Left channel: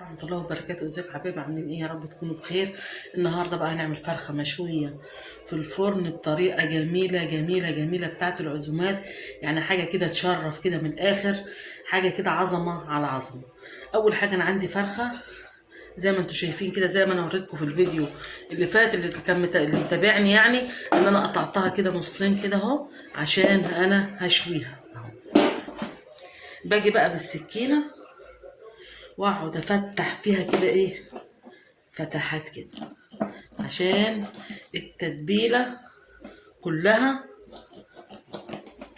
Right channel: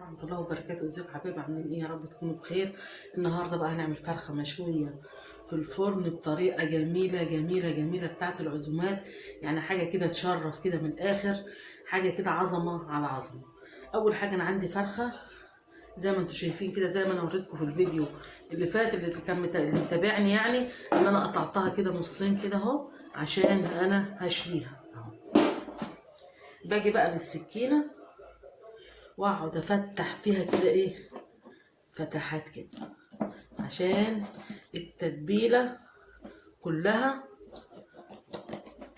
ورحمة الله وبركاته. ازيكم يا حبايبي، عاملين ايه؟ يا رب تكونوا بخير. النهارده بقى هنعمل فرخة مشوية في الفرن بطريقة جميلة جميلة جميلة بتاعت العزومات، يعني حاجة كده تشرف كده من الآخر، حاجة كده عظمة على عظمة. أول حاجة أنا عندي فرخة زي ما انتوا شايفين كده، زي ما انا وريتكم في الفيديو اللي فات، اللي متابعني يعني، ان انا قطعتها كده نصين كده اهو عشان انا هشويها اهو. باجي بقى بالسكينة واقعد افتح فيها كده ايه، فتحات كده عشان التتبيلة كلها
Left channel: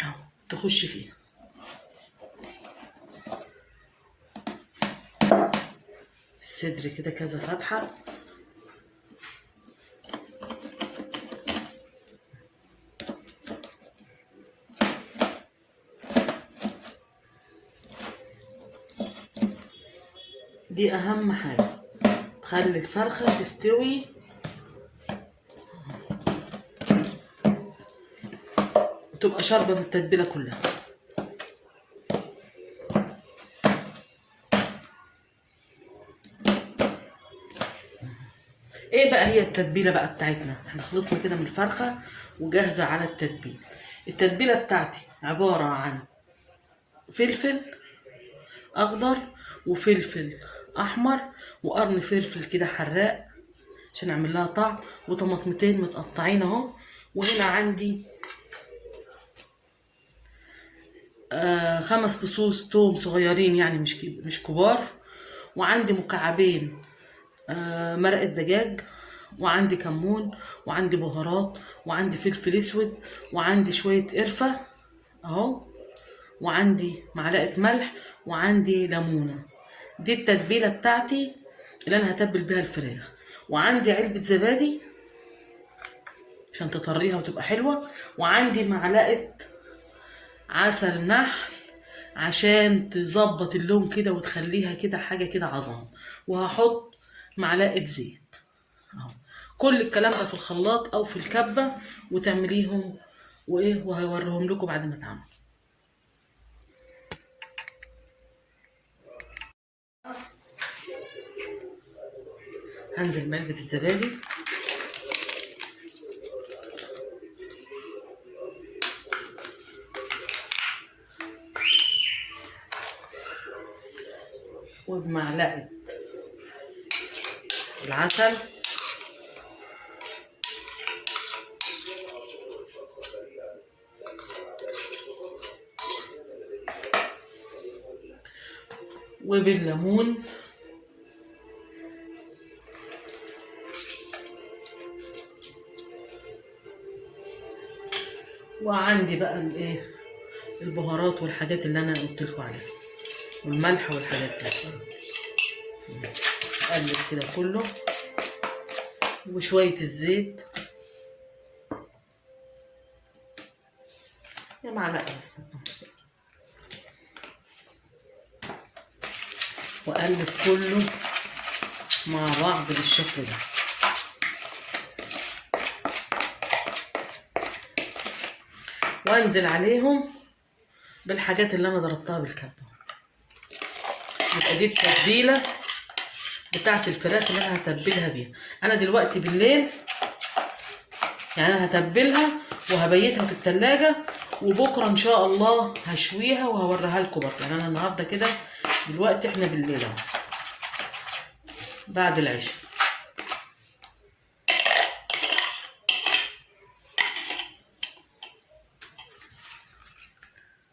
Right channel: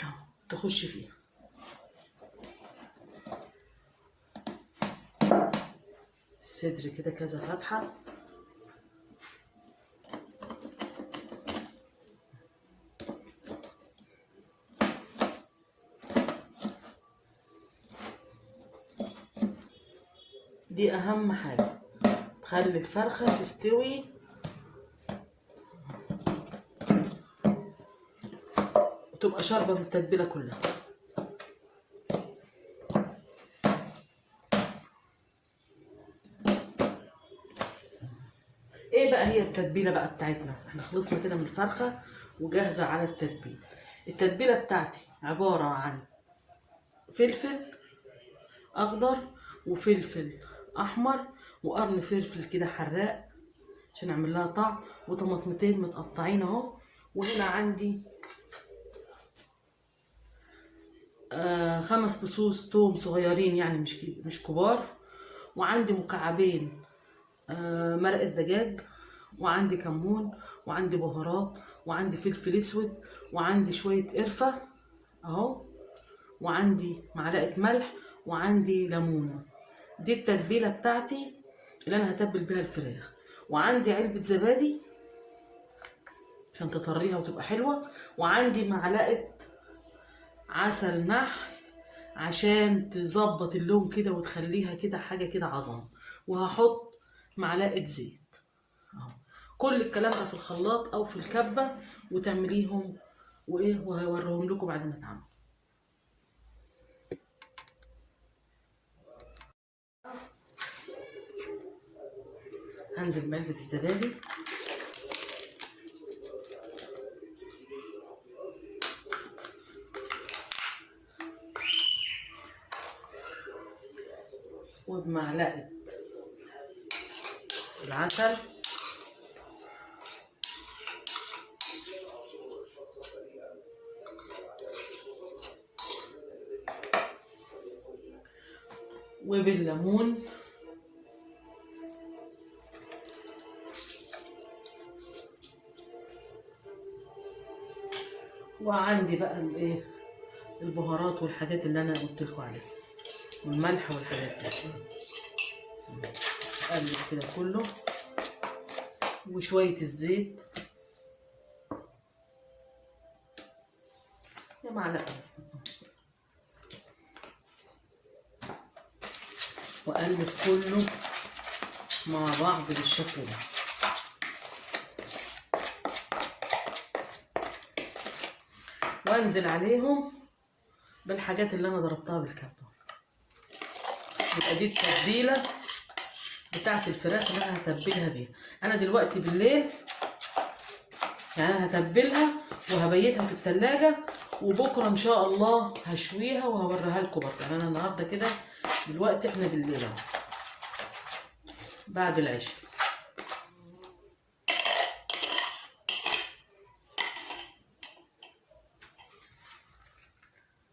اهو تخش فيها. الصدر كده كذا فتحة، دي اهم حاجة تخلي الفرخة تستوي وتبقى شاربة من التتبيلة كلها. ايه بقى هي التتبيله بقى بتاعتنا؟ احنا خلصنا كده من الفرخه وجاهزه على التتبيل. التتبيله بتاعتي عباره عن فلفل اخضر وفلفل احمر وقرن فلفل كده حراق عشان اعمل لها طعم، وطماطمتين متقطعين اهو. وهنا عندي 5 فصوص توم صغيرين، يعني مش كبار. وعندي مكعبين مرقة دجاج، وعندي كمون، وعندي بهارات، وعندي فلفل اسود، وعندي شوية قرفة اهو، وعندي معلقة ملح، وعندي ليمونة. دي التتبيلة بتاعتي اللي انا هتبل بيها الفراخ. وعندي علبة زبادي عشان تطريها وتبقى حلوة، وعندي معلقة عسل نحل عشان تظبط اللون كده وتخليها كده حاجة كده عظمة. وهحط معلقة زيت اهو. كل الكلام ده في الخلاط او في الكبه وتعمليهم وايه، وهوريهم لكم بعد ما اتعمل. هنزل بعلبه الزبادي وبمعلقه العسل وبالليمون وعندي بقى الايه، البهارات والحاجات اللي انا قلت لكم عليها، والملح والحاجات دي. اقلب كده كله وشويه الزيت، يا معلقه بس، واقلب كله مع بعض بالشكل ده. وانزل عليهم بالحاجات اللي انا ضربتها بالكبه. يبقى دي التتبيله بتاعت الفراخ اللي انا هتبلها بيها. انا دلوقتي بالليل يعني انا هتبلها وهبيتها في التلاجة، وبكره ان شاء الله هشويها وهوريها لكم برضه. يعني انا النهارده كده دلوقتي احنا بالليل اهو بعد العشاء.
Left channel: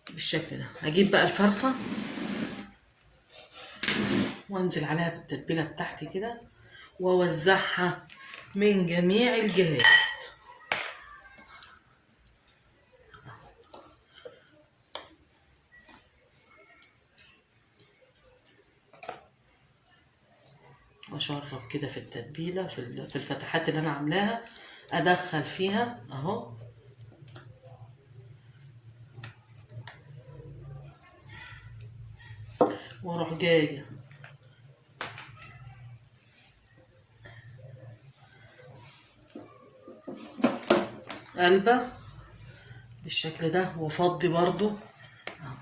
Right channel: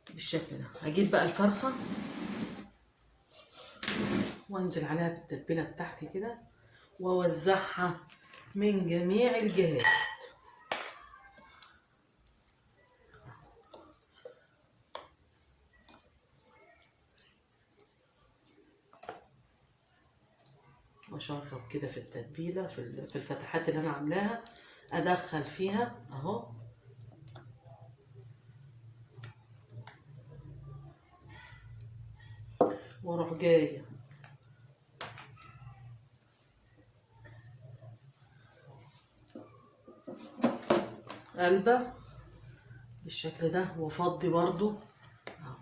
بالشكل ده هجيب بقى الفرخه وانزل عليها بالتتبيله بتاعتي كده واوزعها من جميع الجهات. واشرب كده في التتبيله في الفتحات اللي انا عاملاها، ادخل فيها اهو. واروح جايه قلبه بالشكل ده وافضي برضو اهو.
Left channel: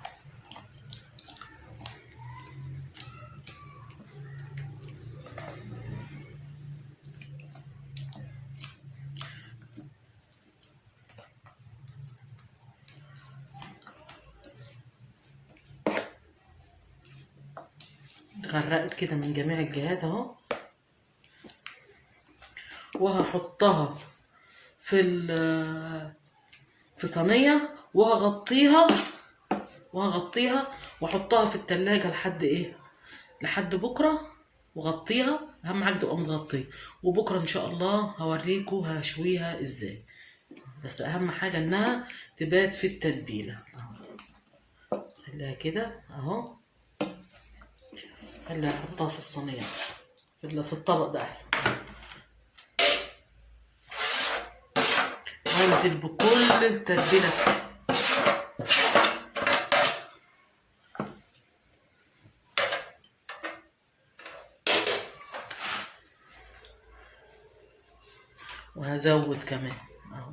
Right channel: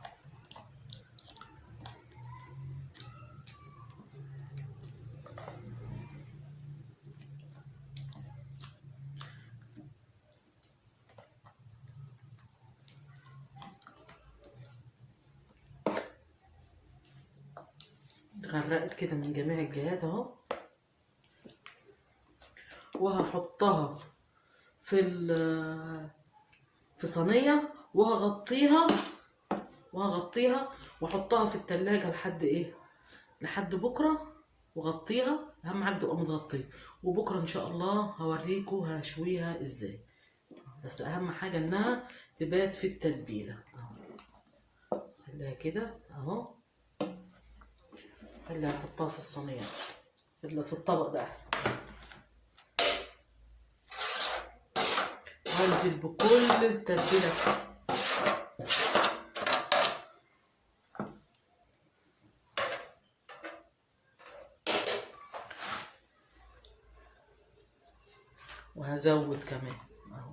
غرقت كده من جميع الجهات اهو. وهحطها في صينيه وهغطيها واحطها في التلاجة لحد ايه، لحد بكره. وغطيها، اهم حاجه تبقى متغطيه. وبكره ان شاء الله هوريكم هشويها ازاي، بس اهم حاجه انها تبات في التتبيله. خليها كده اهو، خليها احطها في الصينيه في الطبق ده احسن. وانزل بكل التتبيله وهزود كمان اهو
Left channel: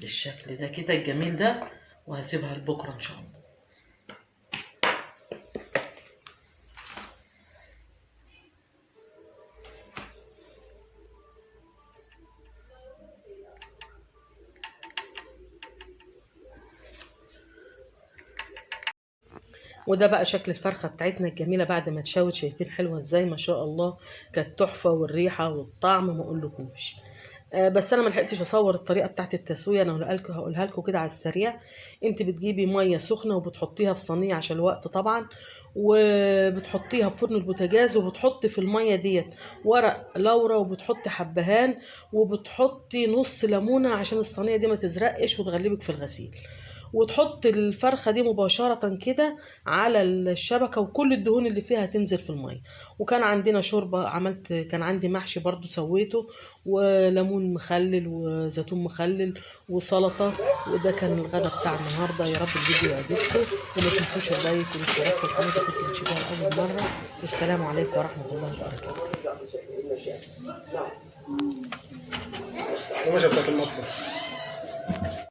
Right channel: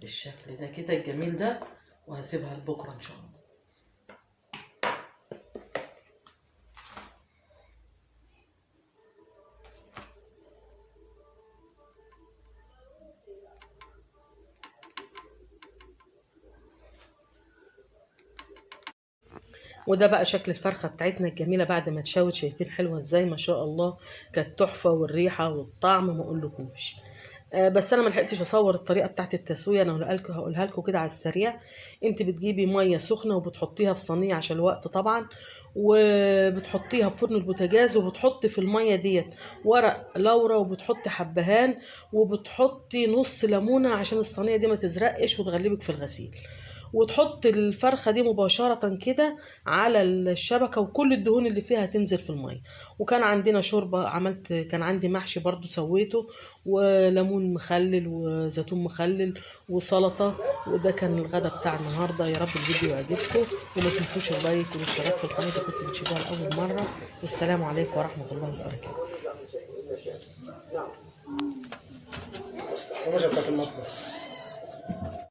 بالشكل ده كده الجميل ده. وهسيبها لبكره ان شاء الله. وده بقى شكل الفرخه بتاعتنا الجميله بعد ما اتشوت. شايفين حلوه ازاي؟ ما شاء الله، كانت تحفه، والريحه والطعم ما اقولكوش. بس انا ما لحقتش اصور الطريقه بتاعت التسويه. انا هقولها لكم كده على السريع. انت بتجيبي ميه سخنه وبتحطيها في صينيه عشان الوقت طبعا، وبتحطيها في فرن البوتاجاز، وبتحطي في الميه ديت ورق لورا، وبتحطي حبهان، وبتحطي نص ليمونه عشان الصينيه دي ما تزرقش وتغلبك في الغسيل. وتحط الفرخة دي مباشرة كده على الشبكة، وكل الدهون اللي فيها تنزل في المية. وكان عندنا شوربة كان عندي محشي برضو سويته، وليمون مخلل وزيتون مخلل وسلطة. وده كان الغدا بتاع النهاردة. يا رب الفيديو يعجبكم، وما تنسوش اللايك والاشتراك في القناة إذا كنتوا بتشوفوها لأول مرة. والسلام عليكم ورحمة الله وبركاته.